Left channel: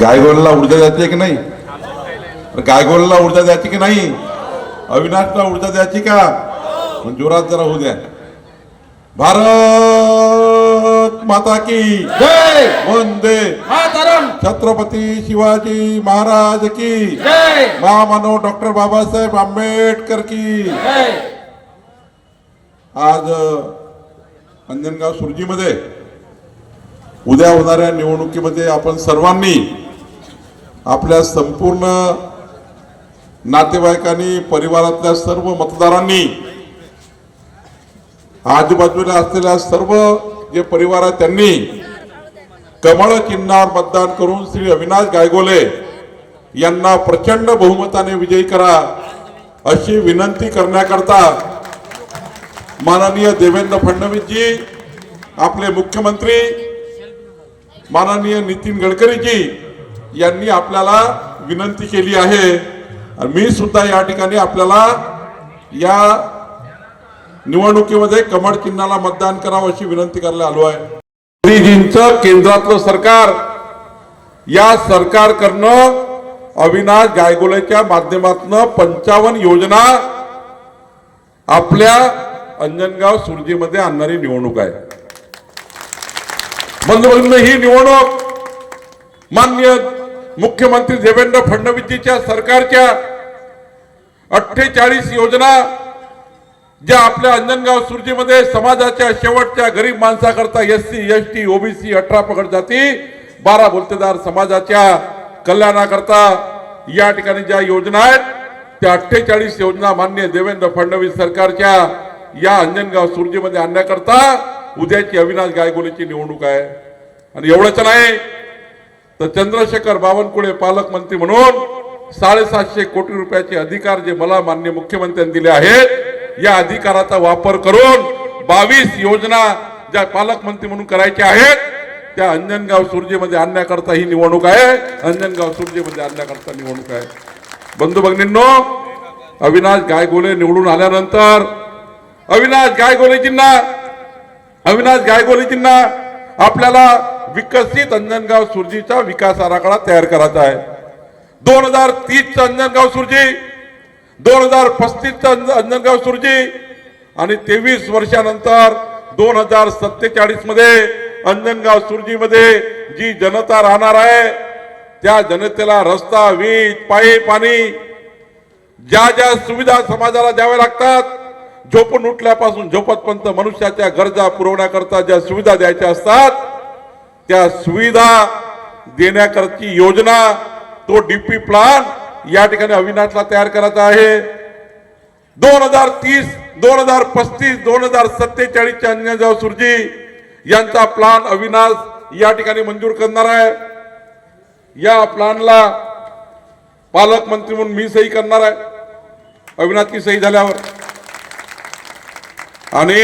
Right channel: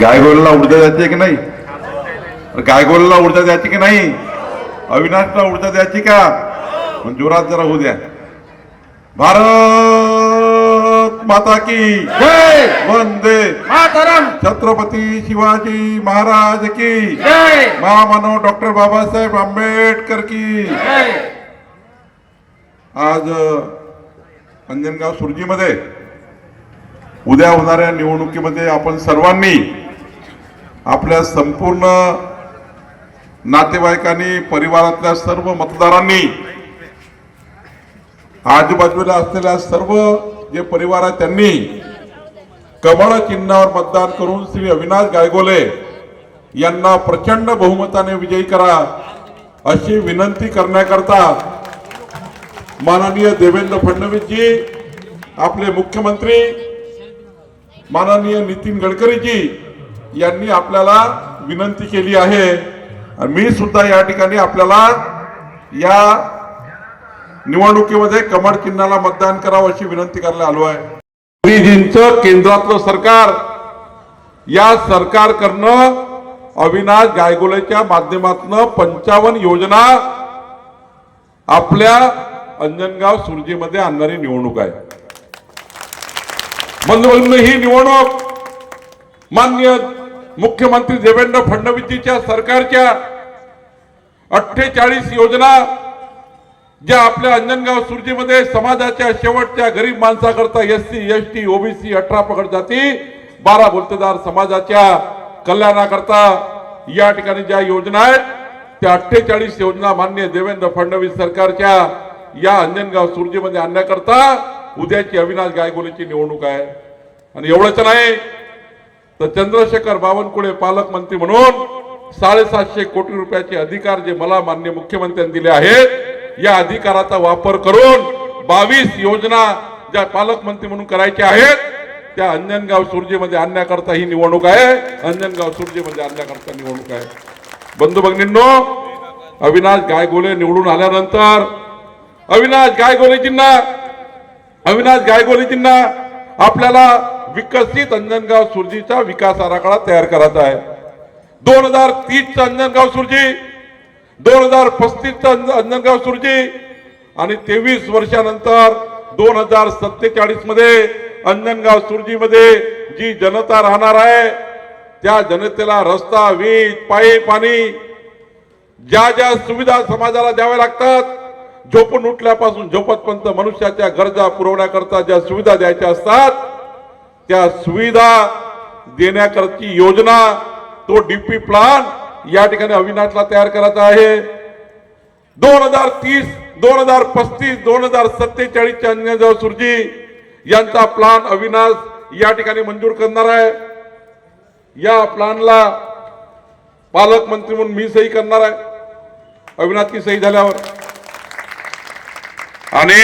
गायगोळला ऊर्जा द्यायची की नाही? गायगोळला ऊर्जा द्यायची की नाही? अविनाशला ऊर्जा द्यायची का? पण जोरात जरा होऊ द्या. भारत माता की जय. वंदे मातरम. छत्रपती शिवाजी महाराज की जय. महामानव डॉक्टर बाबासाहेब आंबेडकर की जय. आज अंजनगाव सुरजीमध्ये उद्या होणाऱ्या निवडणुकीमध्ये आपण सर्वांनी आपल्या संपूर्ण नातेवाईकांनी, परिवारातल्या सर्व मतदारांनी, आजूबाजूला असलेल्या सर्व जे परिवार आहेत त्यांनी कमळ चिन्हावर मतदान करून श्री अविनाश गायगोले यांना प्रचंड बहुमताने विजयी करा अशी विनंती करण्याकरता माननीय देवेंद्र फडणवीस जी, आपले मुख्यमंत्री माननीय नितीन गडकरी जी यांनी आपल्याला विनंती केली आहे. आणि मी सुद्धा या ठिकाणी आपल्याला या निवडणुकीमध्ये कमळ चिन्हाला मतदान करावं अशी विनंती करायला आलो आहे. मोदीजींचं केंद्रातलं सरकार, या सरकार करणं अविनाश गायगोलेच्या माध्यमातून 55 योजना आपल्या अंजनगाव सुरजीमध्ये आणणारी निवडणूक आहे. बंधूभगिनींनो, ही निवडणूक माननीय मुख्यमंत्री देवेंद्र फडणवीसजीच्या सरकारच्या 48 योजना ज्या आपल्या अंजनगाव सुरजीमध्ये समाजाच्या शेवटच्या गरीब माणसाकरता SC, ST, OBC, 18 पगड जाती, 12 बोलतेदार समाजाच्या कल्याणाकरता या ठिकाणी ज्या योजना आहेत त्या 48 योजना माननीय देवेंद्र फडणवीस सरकारच्या या अंजनगाव सुरजीमध्ये आणण्याकरता उद्याची अविनाश गायगोलेची निवडणूक आहे. आणि एवढंच नाही तर चंद्रशेखर बावनकुळे पालकमंत्री म्हणून 750 कोटी रुपयाचे अधिकार जे मला माननीय मुख्यमंत्र्यांनी दिले आहेत, या अधिकाराचा वापर करून 22 योजना ज्या पालकमंत्री म्हणून करायच्या आहेत त्या अंजनगाव सुरजीमध्ये आणण्याकरता ही निवडणूक आहे. अंजनगाव सुरजीमध्ये आणण्याकरता निवडणूक आहे. बंधू भगिनींनो, अविनाश गायगोले निवडून आल्यानंतर अविनाश गायगोलेजींना आपल्याला विकसित अंजनगाव सुरजीचा विकास आराखडा तयार करायचा आहे. 2030 अंजनगाव सुरजी, 2035 अंजनगाव सुरजी आणि 23 वर्षानंतर 2047 मध्ये अंजनगाव सुरजीमध्ये जी जनता राहणार आहे त्या जनतेला रस्ता, वीज, पाईप, पाणी, ज्या ज्या सुविधा समाजाला द्याव्या लागतात, झोपून उठल्यापासून झोपतपर्यंत मनुष्याच्या गरजा पुरवण्याकरता ज्या सुविधा द्यायच्या असतात त्या सुविधा देण्याकरची योजना, तो डीपी प्लान या ठिकाणी अविनाशला तयार करायचा आहे. 2030, 2035, 2047 अंजनगाव सुरजी यांचा प्लान अविनाश या ठिकाणी मंजूर करणार आहे. या प्लानला पालकमंत्री म्हणून मी सही करणार आहे. अविनाशची सही झाल्यावर आणि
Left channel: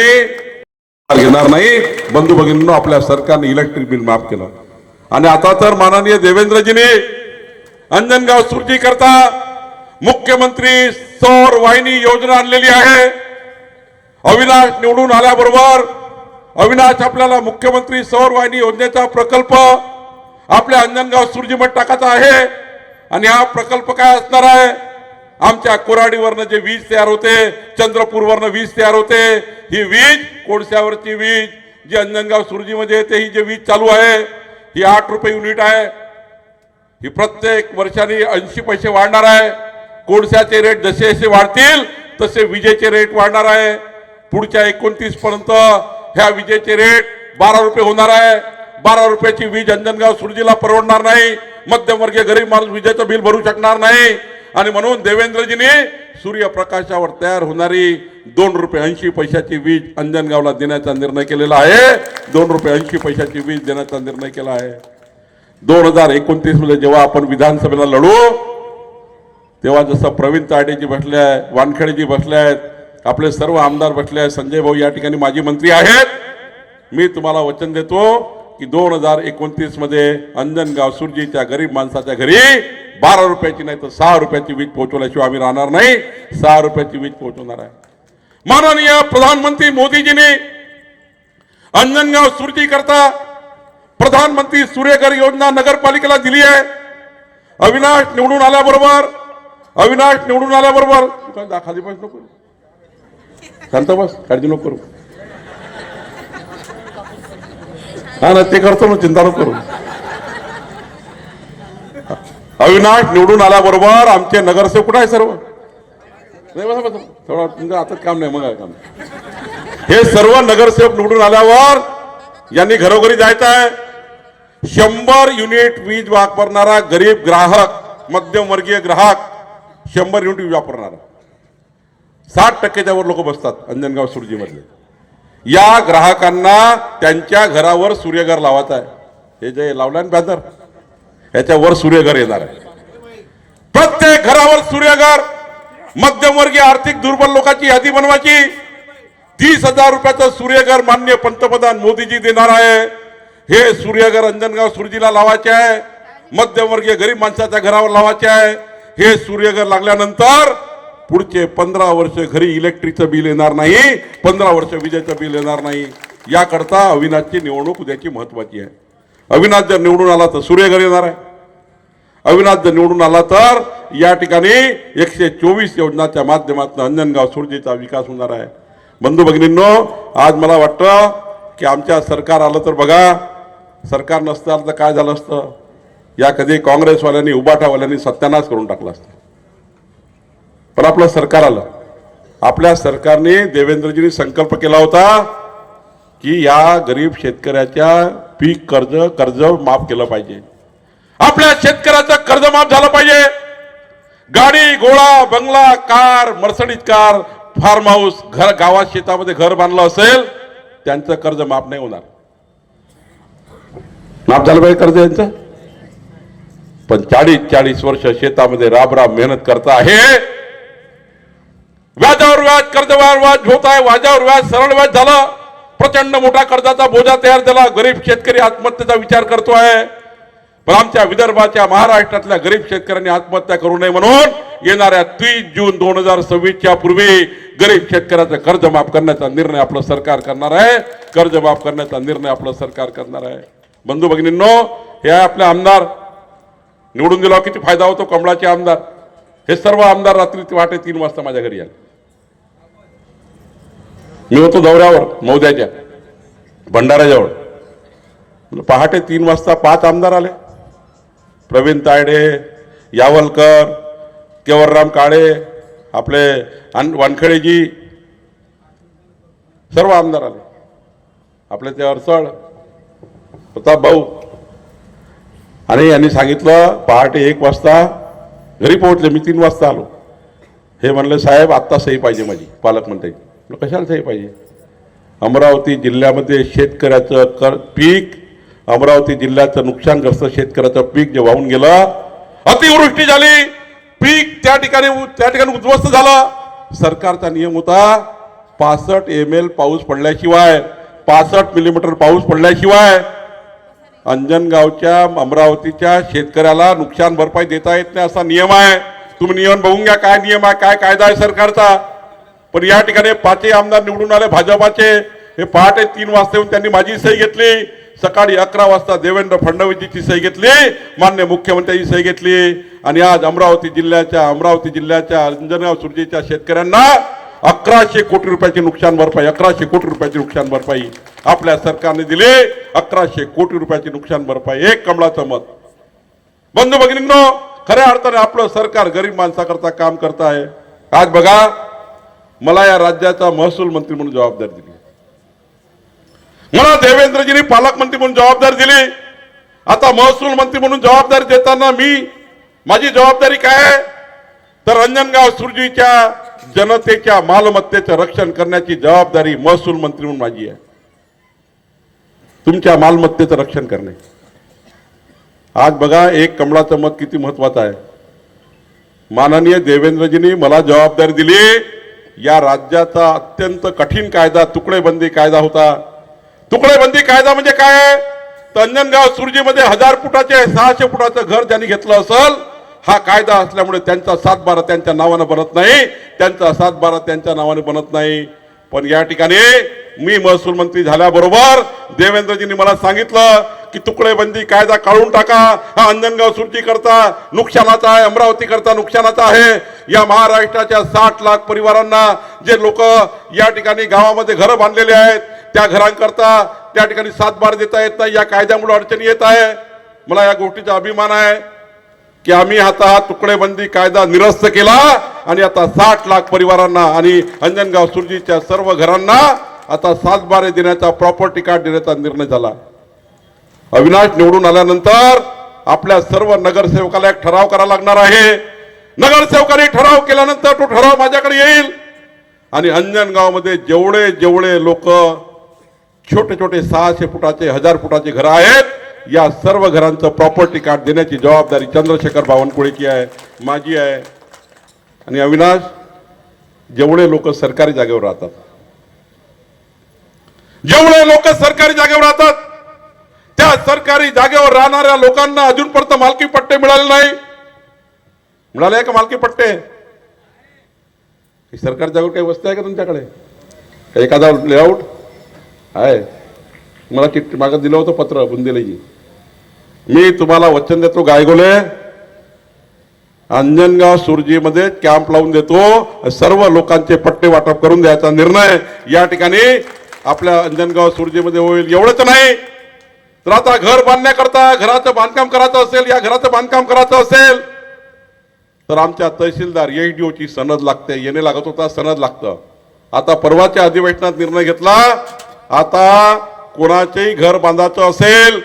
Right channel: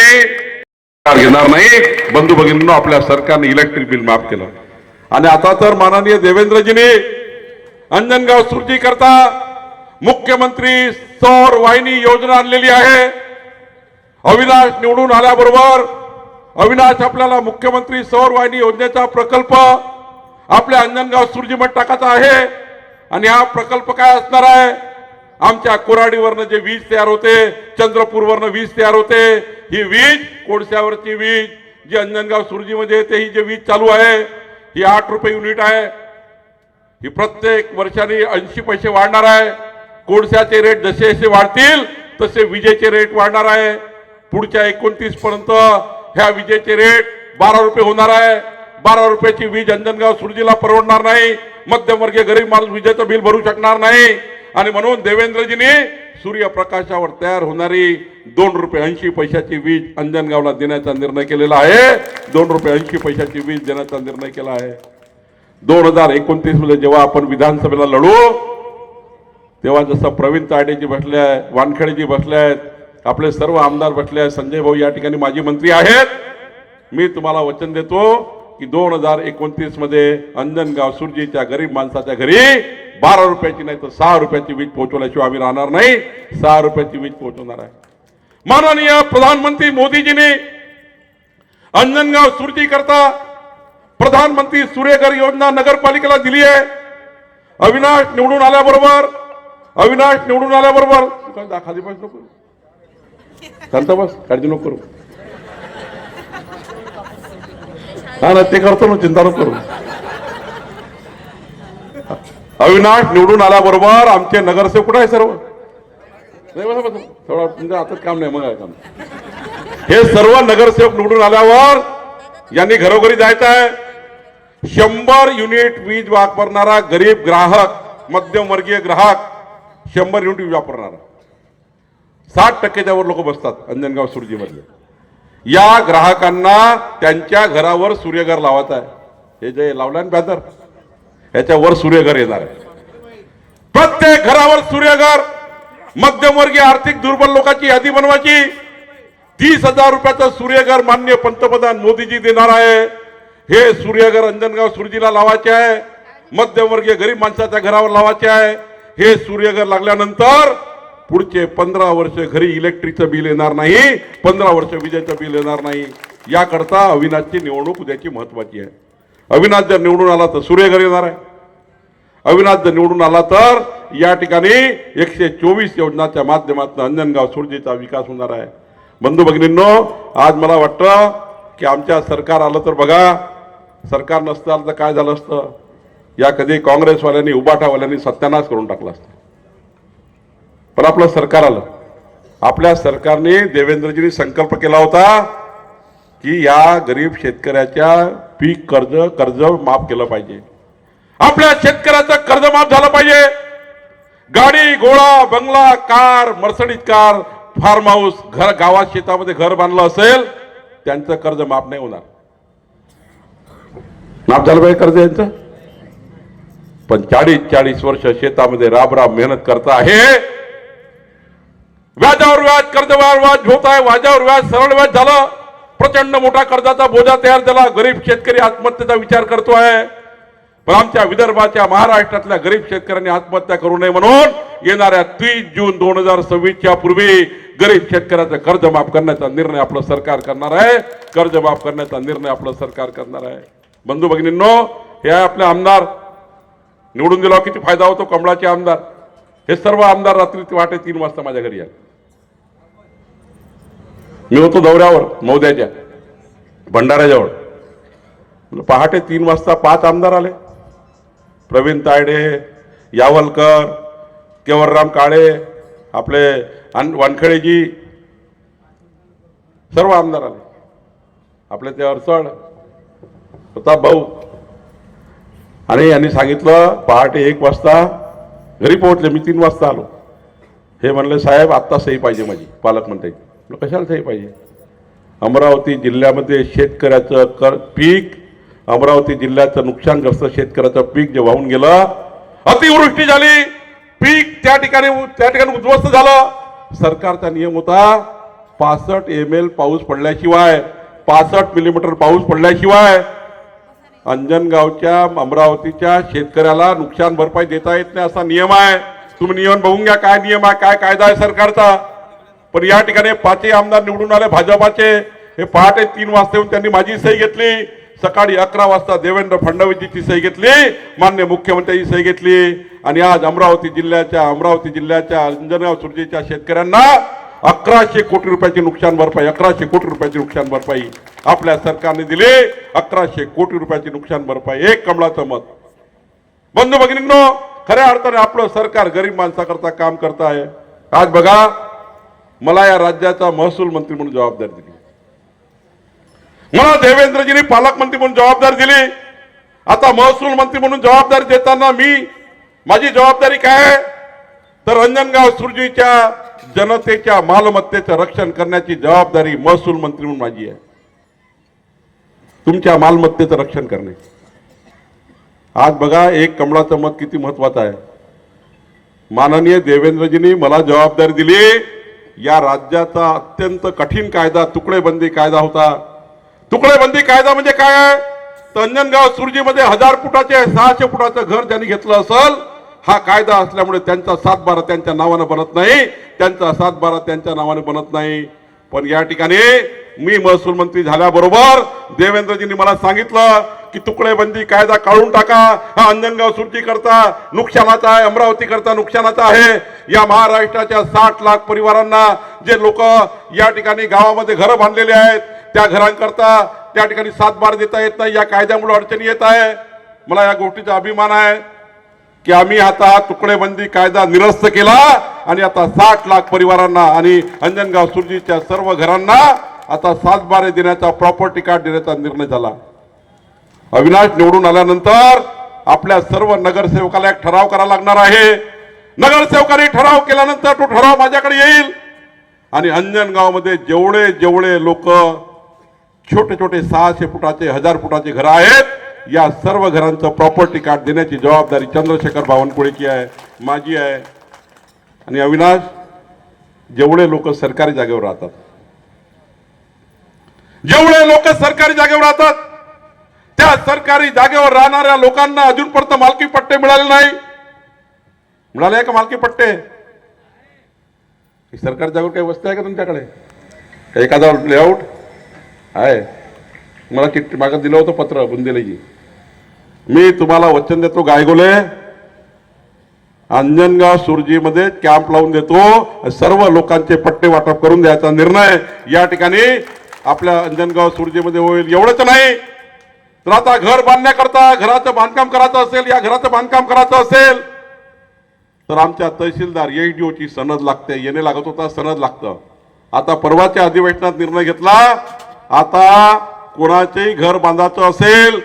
घेणार नाही. बंधू भगिनींनो, आपल्या सरकारने इलेक्ट्रिक बिल माफ केलं आणि आता तर माननीय देवेंद्रजीने अंजनगाव सुरजी करता मुख्यमंत्री सौर वाहिनी योजना आणलेली आहे. अविनाश निवडून आल्याबरोबर अविनाश आपल्याला मुख्यमंत्री सौर वाहिनी योजनेचा प्रकल्प आपल्या अंजनगाव सुरजीमध्ये टाकायचा आहे. आणि हा प्रकल्प काय असणार आहे? आमच्या कोराडीवरनं जे वीज तयार होते, चंद्रपूरवरनं वीज तयार होते, ही वीज कोळशावरची वीज जी अंजनगाव सुरजीमध्ये येते, ही जी वीज चालू आहे ही 8 रुपये युनिट आहे. ही प्रत्येक वर्षाने 80 पैसे वाढणार आहे. कोळशाचे रेट जसे जसे वाढतील तसे विजेचे रेट वाढणार आहे. पुढच्या 29 पर्यंत ह्या विजेचे रेट 12 रुपये होणार आहे. 12 रुपयाची वीज अंजनगाव सुरजीला परवडणार नाही. मध्यमवर्गीय गरीब माणूस विजेचं बिल भरू शकणार नाही. आणि म्हणून देवेंद्रजीने सूर्यप्रकाशावर तयार होणारी 2 रुपये 80 पैशाची वीज अंजनगावला देण्याचा निर्णय केलेला आहे. 2 रुपये 80 पैशाची वीज देण्याचा निर्णय केला आहे. 2029 मध्ये जेव्हा आपण विधानसभेला लढू तेव्हा जसं प्रवीण तायडेजी बसले आहे, वानखेडेजी बसले आहेत, आपले सर्व आमदार बसले आहेत, संजय भाऊ या ठिकाणी माजी मंत्री आहेत, मी तुम्हाला वचन देतो की 2029 मध्ये अंजनगाव सुरजीच्या गरीब माणसाच्या घरी 12 रुपयाची नाही तर 6 रुपयाची वीज पोहोचवल्याशिवाय आम्ही राहणार नाही. 6 रुपयाची वीज पोहोचवणार आहे. माननीय प्रधानमंत्री मोदीजींनी अंजनगाव सुरजी करता प्रधानमंत्री सूर्यघर योजना नगरपालिकेला दिली आहे. अविनाश निवडून आल्याबरोबर तू काय खाली बस नको, शांत बस, काळजी नको करू. हा ना, ते करतो ना, चिंता नको करू. अविनाश निवडून आल्याबरोबर आमचे नगरसेवक कुठे आहे सर्व? नाही बसा बसा, थोडा तुमच्या हातात काम नाही, मग काम. हे सर्व नगरसेवक निवडून आल्यावर यांनी घरोघरी जायचं आहे. 100 युनिट वीज वापरणारा गरीब ग्राहक, मध्यमवर्गीय ग्राहक 100 युनिट वीज वापरणारा 60% वर लोक बसतात अंजनगाव सुरजी मधले. या ग्राहकांना त्यांच्या घरावर सूर्यघर लावायचं आहे. हे जे लावलं ना बॅनर, याच्यावर सूर्यघर येणार आहे. प्रत्येक घरावर सूर्यघर. मध्यमवर्गीय आर्थिक दुर्बल लोकांची यादी बनवायची. 30,000 रुपयाचं सूर्यघर माननीय पंतप्रधान मोदीजी देणार आहे. हे सूर्यघर अंजनगाव सुरजीला लावायचे आहे. मध्यमवर्गीय गरीब माणसाच्या घरावर लावायचे आहे. हे सूर्यघर लागल्यानंतर पुढचे 15 वर्ष घरी इलेक्ट्रिकचं बिल येणार नाही, 15 वर्ष विजेचं बिल येणार नाही. याकरता अविनाशची निवडणूक उद्याची महत्वाची आहे. अविनाश जर निवडून आला तर सूर्यघर येणार आहे. अविनाश जर निवडून आला तर या ठिकाणी 124 योजनाच्या माध्यमातून अंजनगाव सुरजीचा विकास होणार आहे. बंधू भगिनींनो, आज मला वाटतं की आमच्या सरकार आलं तर बघा, सरकार नसतं आलं तर काय झालं असतं. या कधी काँग्रेसवाल्यांनी उबाठावाल्यांनी सत्यानाश करून टाकला असतं. पण आपलं सरकार आलं. आपल्या सरकारने देवेंद्रजींनी संकल्प केला होता की या गरीब शेतकऱ्याच्या पीक कर्ज माफ केलं पाहिजे. आपल्या शेतकऱ्याचं कर्ज माफ झालं पाहिजे. गाडी घोडा बंगला car Mercedes car farm house घर गावात शेतामध्ये घर बांधलं असेल त्यांचं कर्ज माफ नाही होणार. माफ झालं पाहिजे कर्ज यांचं. पण 40 वर्ष शेतामध्ये राब मेहनत करता आहे. व्याजावर व्याज कर्जवार व्याज होत आहे. व्याजावर व्याज सरळ व्याज झाला. प्रचंड मोठा कर्जाचा बोजा तयार झाला. गरीब शेतकरी आत्महत्येचा विचार करतो आहे. पण आमच्या विदर्भाच्या महाराष्ट्रातल्या गरीब शेतकऱ्यांनी आत्महत्या करू नये म्हणून येणाऱ्या 30 जून 2026च्या पूर्वी गरीब शेतकऱ्याचं कर्ज माफ करण्याचा निर्णय आपलं सरकार करणार आहे. कर्ज माफ करण्याचा निर्णय आपलं सरकार करणार आहे. बंधू भगिनींनो, हे आपले आमदार निवडून दिला किती फायदा होतो. कमळाचे आमदार हे सर्व आमदार रात्री 3 वाजता माझ्या घरी आले. मी होतो दौऱ्यावर मौद्याच्या भंडाऱ्याजवळ. पहाटे 3 वाजता 5 आमदार आले. प्रवीण तायडे, यावलकर, केवलराम काळे, आपले वानखेडेजी, सर्व आमदार आले. आपले ते अडसळ प्रताप भाऊ. आणि यांनी सांगितलं पहाटे 1 वाजता घरी पोहोचले. मी 3 वाजता आलो. हे म्हणले साहेब आत्ता सही पाहिजे माझी. पालकमंत्री कशाला सही पाहिजे. अमरावती जिल्ह्यामध्ये शेतकऱ्याचं पीक, अमरावती जिल्ह्याचं नुकसानग्रस्त शेतकऱ्याचं पीक जे वाहून गेलं, अतिवृष्टी झाली, पीक त्या ठिकाणी उद्ध्वस्त झालं. सरकारचा नियम होता 65 ml पाऊस पडल्याशिवाय, 65 मिलीमीटर पाऊस पडल्याशिवाय अंजनगावच्या अमरावतीच्या शेतकऱ्याला नुकसान भरपाई देता येत नाही, असा नियम आहे. तुम्ही नियम बघून घ्या काय नियम आहे, काय कायदा आहे सरकारचा. पण या ठिकाणी 5 आमदार निवडून आले भाजपाचे. हे पहाटे 3 वाजता येऊन त्यांनी माझी सही घेतली. सकाळी 11 वाजता देवेंद्र फडणवीसची सही घेतली, माननीय मुख्यमंत्र्यांची सही घेतली. आणि आज अमरावती जिल्ह्याच्या अंजनगाव सुरजीच्या शेतकऱ्यांना 1100 कोटी रुपयाची नुकसान भरपाई, 1100 कोटी रुपयाची नुकसान भरपाई आपल्या सरकारने दिली. 1100 कोटी रुपयाची नुकसान भरपाई. एक कमळाचं मत. बंधू भगिनींनो, खऱ्या अर्थाने आपलं सरकार गरीब माणसाकरता काम करत आहे. आज बघा, मला या राज्याचा महसूल मंत्री म्हणून जबाबदारी दिली. मला देवेंद्रजींनी पालकमंत्री म्हणून जबाबदारी दिली. आता महसूल मंत्री म्हणून जबाबदारी देताना माझी जबाबदारी काय आहे तर अंजनगाव सुरजीच्या जनतेच्या मालमत्तेचं रक्षण करण्याची जबाबदारी महसूल मंत्री म्हणून माझी आहे. तुमच्या मालमत्तेचं रक्षण करणे. आज बघा, एक कमळाचं मत किती महत्वाचं आहे. माननीय देवेंद्रजींनी मला जबाबदारी दिली. या राज्याचा अत्यंत कठीण कायदा तुकडेबंदी कायदा होता. तुकडेबंदी कायदा म्हणजे काय तर अंजनगाव सुरजीमध्ये 1000 फुटाचे 600 फुटाचं घर ज्यांनी घेतलं असेल, हा कायदा असल्यामुळे त्यांचा 7/12 त्यांच्या नावाने बनत नाही. त्यांचा 7/12 त्यांच्या नावाने बनत नाही. पण या ठिकाणी मी महसूल मंत्री झाल्याबरोबर देवेंद्रजींनी मला सांगितलं की तुकडेबंदी कायदा काढून टाका, हा अंजनगाव सुरजी करता नुकसानाचा आहे, अमरावती करता नुकसानाचा आहे. या महाराष्ट्राच्या 60 लाख परिवारांना जे लोक या ठिकाणी गावामध्ये घरं बांधलेले आहेत त्या घरांकरता त्या ठिकाणी सातबार देता येत नाही, या कायद्यामुळे अडचणी येत आहे. मला या गोष्टीचा अभिमान आहे की आम्ही आता हा तुकडेबंदी कायदा निरस्त केला आणि आता 60 लाख परिवारांना आणि अंजनगाव सुरजीच्या सर्व घरांना आता सातबारे देण्याचा प्रॉपर्टी कार्ड देण्याचा निर्णय झाला. अविनाश निवडून आल्यानंतर आपल्या सर्व नगरसेवकाला एक ठराव करावा लागणार आहे. नगरसेवकांनी ठराव केल्यानंतर तो ठराव माझ्याकडे येईल आणि अंजनगाव मध्ये जेवढे जेवढे लोक छोटे छोटे 600 फुटाचे 1000 फुटाचे घर आहेत या सर्व घरांचं प्रॉपर्टी कार्ड देण्याची जबाबदारी चंद्रशेखर बावनकुळेची आहे, माझी आहे. आणि अविनाश, जेवढे लोक सरकारी जागेवर राहतात, जेवढे लोक सरकारी जागेवर राहतात त्या सरकारी जागेवर राहणाऱ्या लोकांना अजूनपर्यंत मालकी पट्टे मिळाले नाही. मिळाले का मालकी पट्टे? सरकारी जागेवर काही वस्तू आहे का तुमच्याकडे? एखादा लेआउट आहे? मला चिठ्ठी मागं दिलं होतं पत्र बुंदेलेजी. मी तुम्हाला वचन देतो गायगोले, अंजनगाव सुरजीमध्ये कॅम्प लावून देतो, सर्व लोकांचे पट्टे वाटप करून द्यायचा निर्णय या ठिकाणी आपल्या अंजनगाव सुरजीमध्ये होईल. एवढंच नाही तर आता घर बांधण्याकरता घराचं बांधकाम करायचं असेल, या घराचं बांधकाम करायचं असेल तर आमच्या तहसीलदार एचडीओ ची सनद लागते. येणे लागत होता, सनद लागतं. आता परवाच्या अधिवेशनात निर्णय घेतला, आता कोणाचेही घर बांधायचं असेल,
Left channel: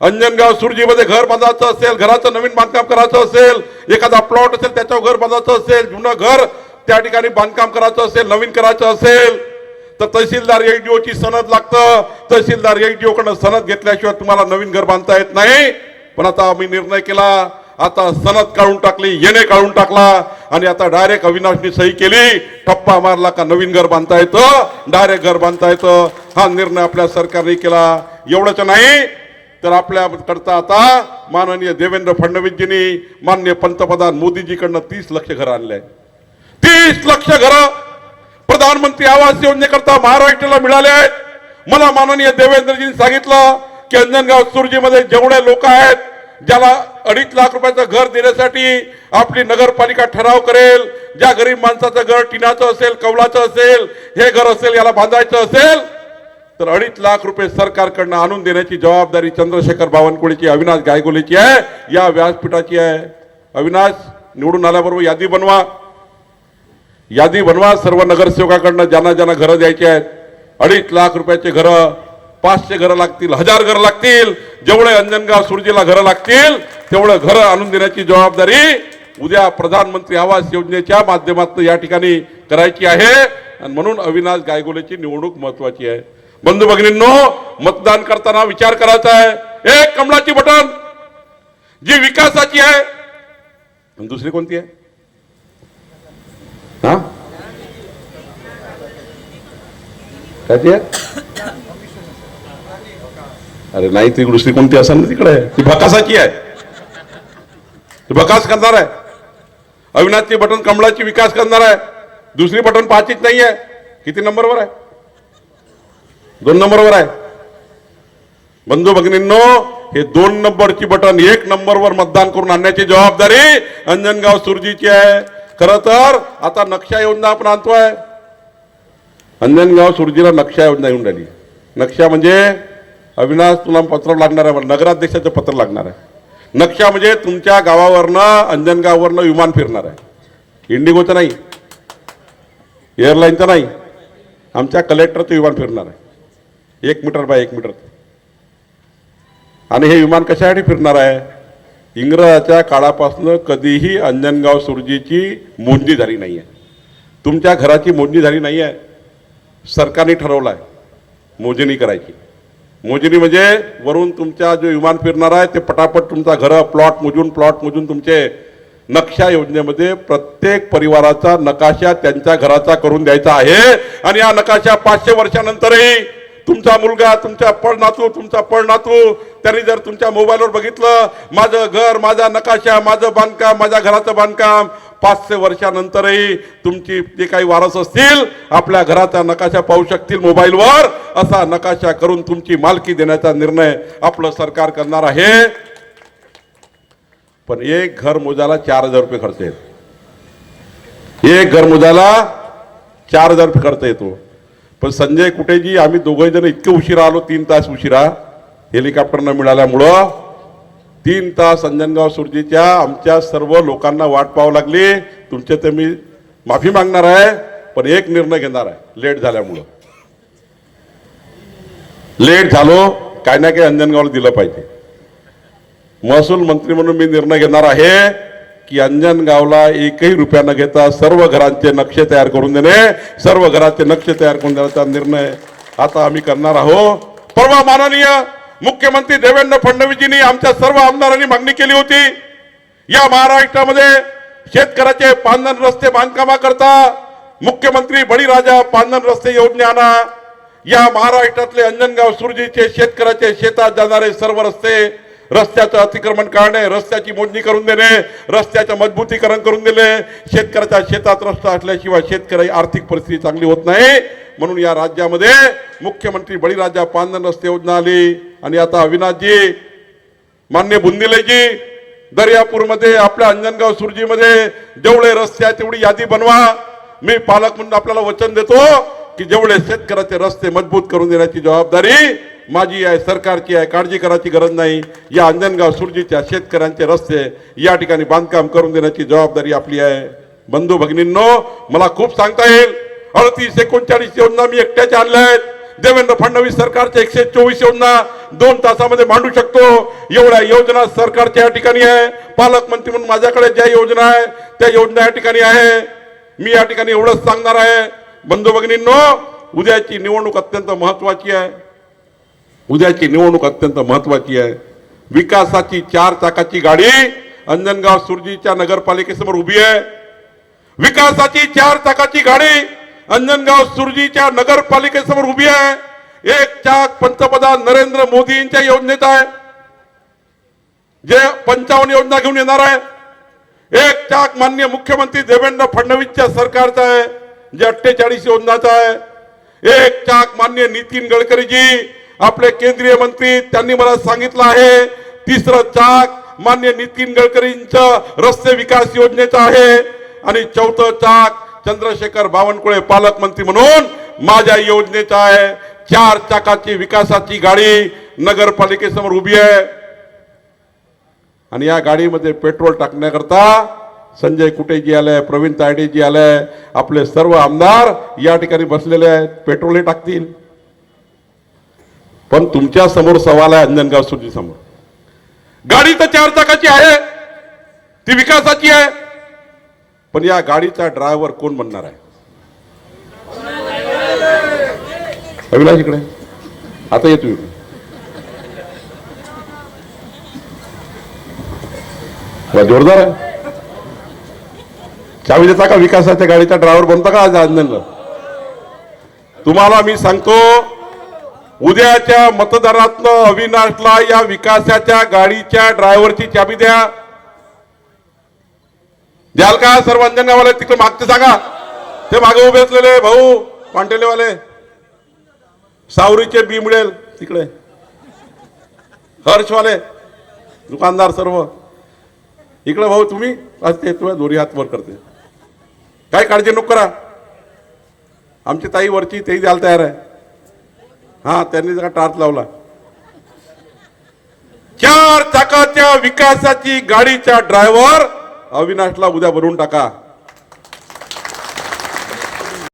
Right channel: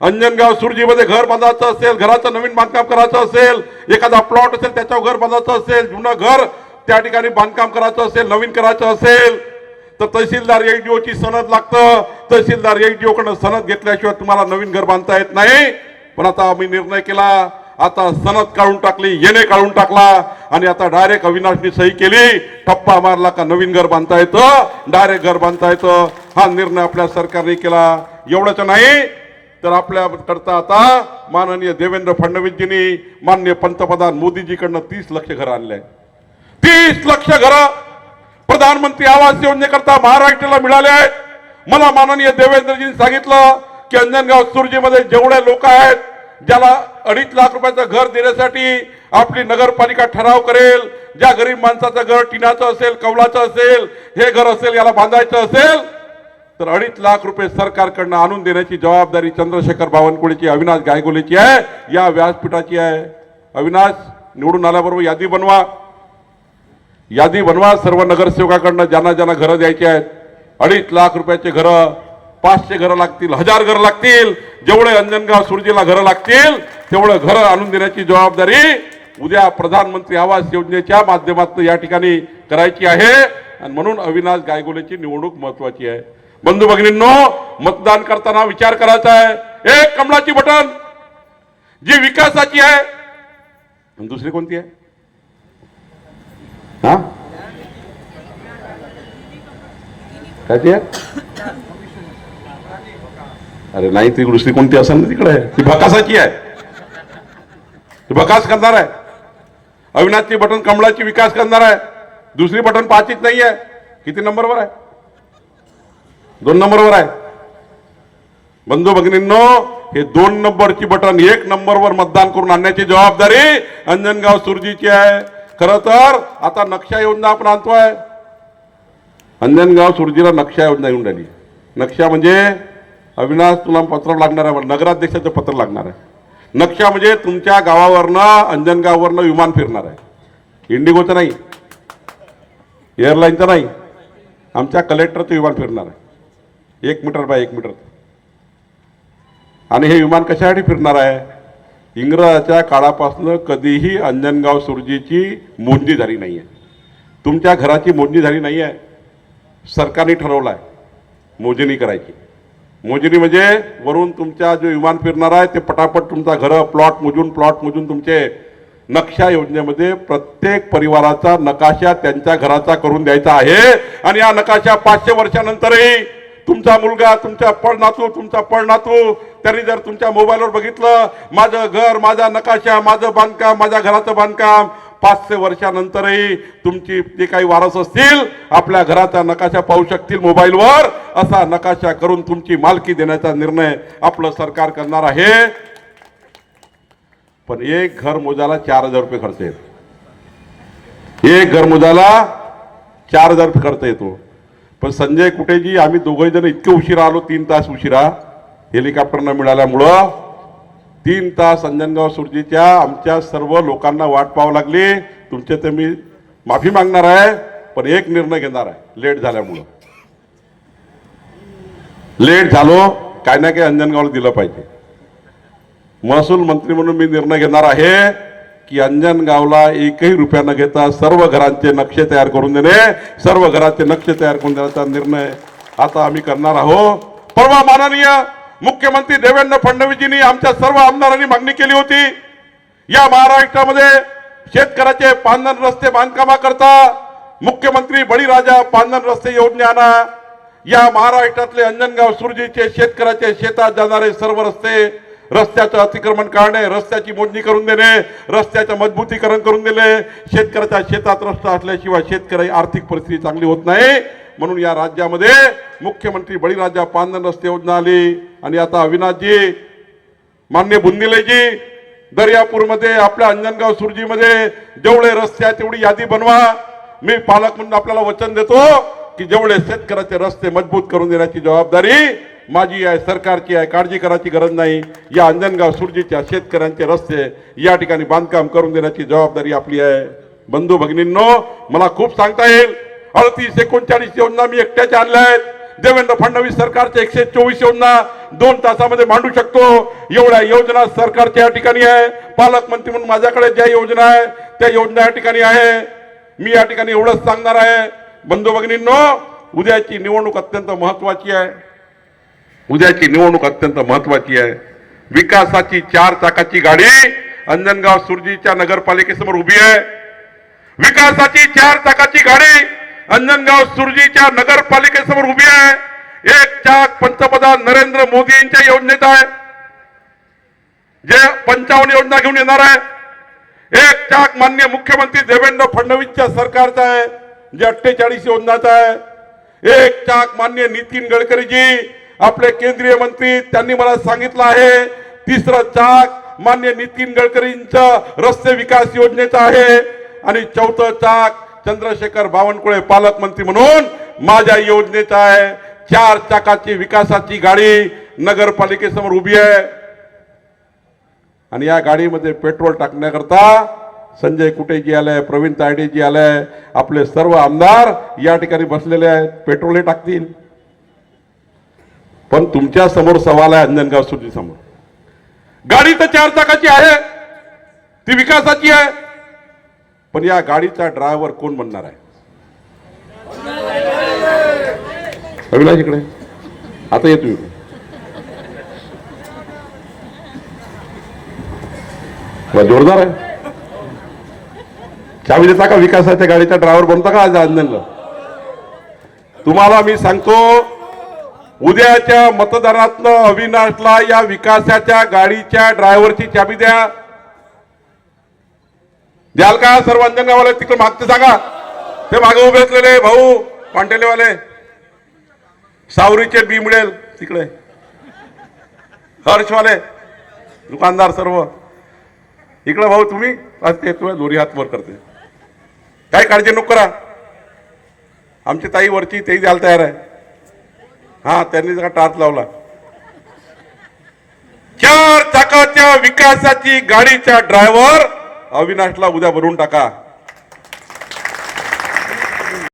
अंजनगाव सुरजीमध्ये घर बांधायचं असेल, घराचं नवीन बांधकाम करायचं असेल, एखादा प्लॉट असेल त्याच्यावर घर बांधायचं असेल, जुनं घर त्या ठिकाणी बांधकाम करायचं असेल, नवीन करायचं असेल तर तहसीलदार एचडीओ ची सनद लागतं. तहसीलदार एचडीओ कडून सनद घेतल्याशिवाय तुम्हाला नवीन घर बांधता येत नाही. पण आता आम्ही निर्णय केला, आता सनद काढून टाकली, येणे काढून टाकला आणि आता डायरेक्ट अविनाशनी सही केली, ठप्पा मारला का नवीन घर बांधता येतं, डायरेक्ट घर बांधता येतं. हा निर्णय आपल्या सरकारने केला. एवढंच नाही तर आपल्या करता आता माननीय देवेंद्र फडणवीसजींनी माननीय पंतप्रधान मोदीजीकडनं 30 लक्ष घर आणले. 30 लक्ष घर प्रधानमंत्री आवास योजनेकरता महाराष्ट्राला मिळाले आहेत. मला माननीय देवेंद्रजींनी सांगितलं की अंजनगाव सुरजीमध्ये जेवढे लोक आहेत ज्याला 2.5 लाख रुपयाचं घर देण्यासाठी आपली नगरपालिका ठराव करेल, ज्या गरीब माणसाचं घर टिनाचं असेल, कौलाचं असेल, हे घर असेल, याला बांधायचं असेल तर 2.5 लाख रुपये सरकारकडनं आणून देण्याची जबाबदारी चंद्रशेखर बावनकुळेची, अविनाश गायगोलेची आहे, या व्यासपीठाची आहे. अविनाश निवडून आल्याबरोबर यादी बनवा, यादी बनवा सर्व नगरसेवकाकडनं ज्यांना ज्यांना घरं द्यायची आहेत. 2.5 लाख रुपयाचे घरं, 500 घरं लागतील, 1000 घरं लागतील, जेवढे अंजनगाव सुरजीला घरं लागतील तेवढं घरं आणून देण्याची जबाबदारी उद्या प्रधानमंत्री आवास योजनेच्या माध्यमातून या ठिकाणी करायची आहे. आणि म्हणून अविनाश गायगोलेची निवडणूक महत्वाची आहे. बंधू भगिनींनो, मतदान करताना विचार करायचा आहे, एक कमळाची बटन जी विकासाची आहे, दुसरी कोणती आहे? हा काय आहे? अरे नाही, ती दुसरी कोणती असेल ना तिकडे, ती भकासाची आहे. ती भकास करणार आहे. अविनाशची बटन कमळाची विकास करणार आहे. दुसरी बटन पाचीच नाही आहे. किती नंबरवर आहे? 2 नंबरवर आहे. बंधू भगिनींनो, हे 2 नंबरची बटन 1 नंबरवर मतदान करून आणण्याची जबाबदारी अंजनगाव सुरजीची आहे. खरं तर आता नक्षा योजना आपण आणतोय. अंजनगाव सुरजीला नक्षा योजना येऊन राहिली. नक्षा म्हणजे अविनाश तुला पत्र लागणार आहे, नगराध्यक्षाचं पत्र लागणार आहे. नक्षा म्हणजे तुमच्या गावावरनं अंजनगाववरनं विमान फिरणार आहे. इंडिगोचं नाही, एअरलाईनचं नाही, आमच्या कलेक्टरचं विमान फिरणार आहे 1 मीटर बाय 1 मीटर. आणि हे विमान कशासाठी फिरणार आहे? इंग्रजाच्या काळापासून कधीही अंजनगाव सुरजीची मोजणी झाली नाही आहे. तुमच्या घराची मोजणी झाली नाही आहे. सरकारने ठरवलं आहे मोजणी करायची. मोजणी म्हणजे वरून तुमच्या जो विमान फिरणार आहे ते पटापट तुमचा घर प्लॉट मोजून तुमचे नक्षा योजनेमध्ये प्रत्येक परिवाराचा नकाशा त्यांच्या घराचा करून द्यायचा आहे. आणि या नकाशा 500 वर्षानंतरही तुमचा मुलगा, तुमचा पडनातू त्यांनी जर तुमच्या मोबाईलवर बघितलं, माझं घर, माझा नकाशा, माझं बांधकाम, माझ्या घराचं बांधकाम 500 वर्षानंतरही तुमची जे काही वारस असतील आपल्या घराचा नकाशा पाहू शकतील मोबाईलवर, असा नकाशा करून तुमची मालकी देण्याचा निर्णय आपलं सरकार करणार आहे. पण एक घर मोजायला 4000 रुपये खर्च येतो. एक घर मोजायला 4000 रुपये खर्च येतो. पण संजय कुटेजी आम्ही दोघे जण इतके उशिरा आलो, 3 तास उशिरा हेलिकॉप्टर न मिळाल्यामुळं 3 तास अंजनगाव सुरजीच्या आमच्या सर्व लोकांना वाट पाहावी लागली. तुमचे तर मी माफी मागणार आहे, पण एक निर्णय घेणार आहे लेट झाल्यामुळं. लेट झालो काय ना काय अंजनगावला दिलं पाहिजे. महसूल मंत्री म्हणून मी निर्णय घेणार आहे की अंजनगावला 1ही रुपया न घेता सर्व घरांचे नक्षे तयार करून देणे, सर्व घराचे नक्षे तयार करून देण्याचा निर्णय आता आम्ही करणार आहोत. परवा माननीय मुख्यमंत्री देवेंद्र फडणवीसजींनी आमच्या सर्व आमदारांनी मागणी केली होती, या महाराष्ट्रामध्ये शेतकऱ्याचे पांधन रस्ते बांधकामाकरता मुख्यमंत्री बळीराजा पांधन रस्ते योजना आणा. या महाराष्ट्रातले अंजनगाव सुरजीचे शेतकऱ्याचे शेतात जाणारे सर्व रस्ते, रस्त्याचं अतिक्रमण काढणे, रस्त्याची मोजणी करून देणे, रस्त्याचं मजबूतीकरण करून दिले. शेतकऱ्याच्या शेतात रस्ता असल्याशिवाय शेतकरी आर्थिक परिस्थिती चांगली होत नाही. म्हणून या राज्यामध्ये मुख्यमंत्री बळीराजा पांधन रस्ते योजना आली. आणि आता अविनाशजी, मान्य बुंदिलेजी, दर्यापूरमध्ये आपल्या अंजनगाव सुरजीमध्ये जेवढे रस्ते आहेत तेवढी यादी बनवा. मी पालक म्हणून आपल्याला वचन देतो की जेवढे शेतकऱ्याचे रस्ते मजबूत करून देण्याची जबाबदारी माझी आहे, सरकारची आहे. काळजी करायची गरज नाही. या अंजनगाव सुरजीच्या शेतकऱ्यांचे रस्ते या ठिकाणी बांधकाम करून देण्याची जबाबदारी आपली आहे. बंधू भगिनींनो, मला खूप सांगता येईल. 38-39 योजना मी एकट्याच्या आणल्या आहेत. देवेंद्र फडणवीस सरकारच्या 124 योजना 2 तासामध्ये मांडू शकतो. एवढ्या योजना सरकारच्या या ठिकाणी आहे. पालकमंत्री म्हणून माझ्याकडे ज्या योजना आहे त्या योजना या ठिकाणी आहे. मी या ठिकाणी एवढंच सांगणार आहे. बंधू भगिनींनो, उद्याची निवडणूक अत्यंत महत्वाची आहे. उद्याची निवडणूक अत्यंत महत्वाची आहे. विकासाची 4 चाकाची गाडी अंजनगाव सुरजीच्या नगरपालिकेसमोर उभी आहे. विकासाची 4 चाकाची गाडी अंजनगाव सुरजीच्या नगरपालिकेसमोर उभी आहे. एक चाक पंतप्रधान नरेंद्र मोदींच्या योजनेचा आहे, जे 55 योजना घेऊन येणार आहे. एक चाक माननीय मुख्यमंत्री देवेंद्र फडणवीसच्या सरकारचा आहे, जे 48 योजनाचा आहे. एक चाक माननीय नितीन गडकरीजी, आपले केंद्रीय मंत्री, त्यांनी मला सांगितलं आहे. तिसरं चाक माननीय नितीन गडकरींचं रस्ते विकास योजनेचं आहे. आणि चौथं चाक चंद्रशेखर बावनकुळे पालकमंत्री म्हणून माझ्या योजनेचं आहे. 4 चाकाची विकासाची गाडी नगरपालिकेसमोर उभी आहे. आणि या गाडीमध्ये पेट्रोल टाकण्याकरता संजय कुटेजी आले, प्रवीण तायडेजी आले, आपले सर्व आमदार या ठिकाणी बसलेले आहेत. पेट्रोल हे टाकतील. पण तुमच्या समोर सवाल आहे अंजनगाव सुरजी समोर. गाडी तर 4 चाकाची आहे, ती विकासाची आहे, पण या गाडीचा ड्रायव्हर कोण बनणार आहे? अविनाश इकडे आता येतो. जोरदार आहे. चावी देता का? विकासाच्या गाडीचा ड्रायव्हर बनता का आज अंजनगाव? तुम्हाला मी सांगतो, उद्याच्या मतदारातनं अविनाशला या विकासाच्या गाडीच्या ड्रायव्हरची चाबी द्या. द्याल का? सर्व अंजनगाववाले तिकडे मागते सांगा. ते मागे उभे असलेले भाऊ पांटेलेवाले, सावरीचे बी मिळेल तिकडे, हर्षवाले दुकानदार सर्व इकडे. भाऊ तुम्ही असते, तुम्ही दोरी हात वर करते, काही काळजी नको करा. आमची ताई वरची तेही द्यायला तयार आहे. हा, त्यांनी जरा टाच लावला. 4 चाकाच्या विकासाची गाडीचा ड्रायव्हर अविनाशला उद्या भरून टाका.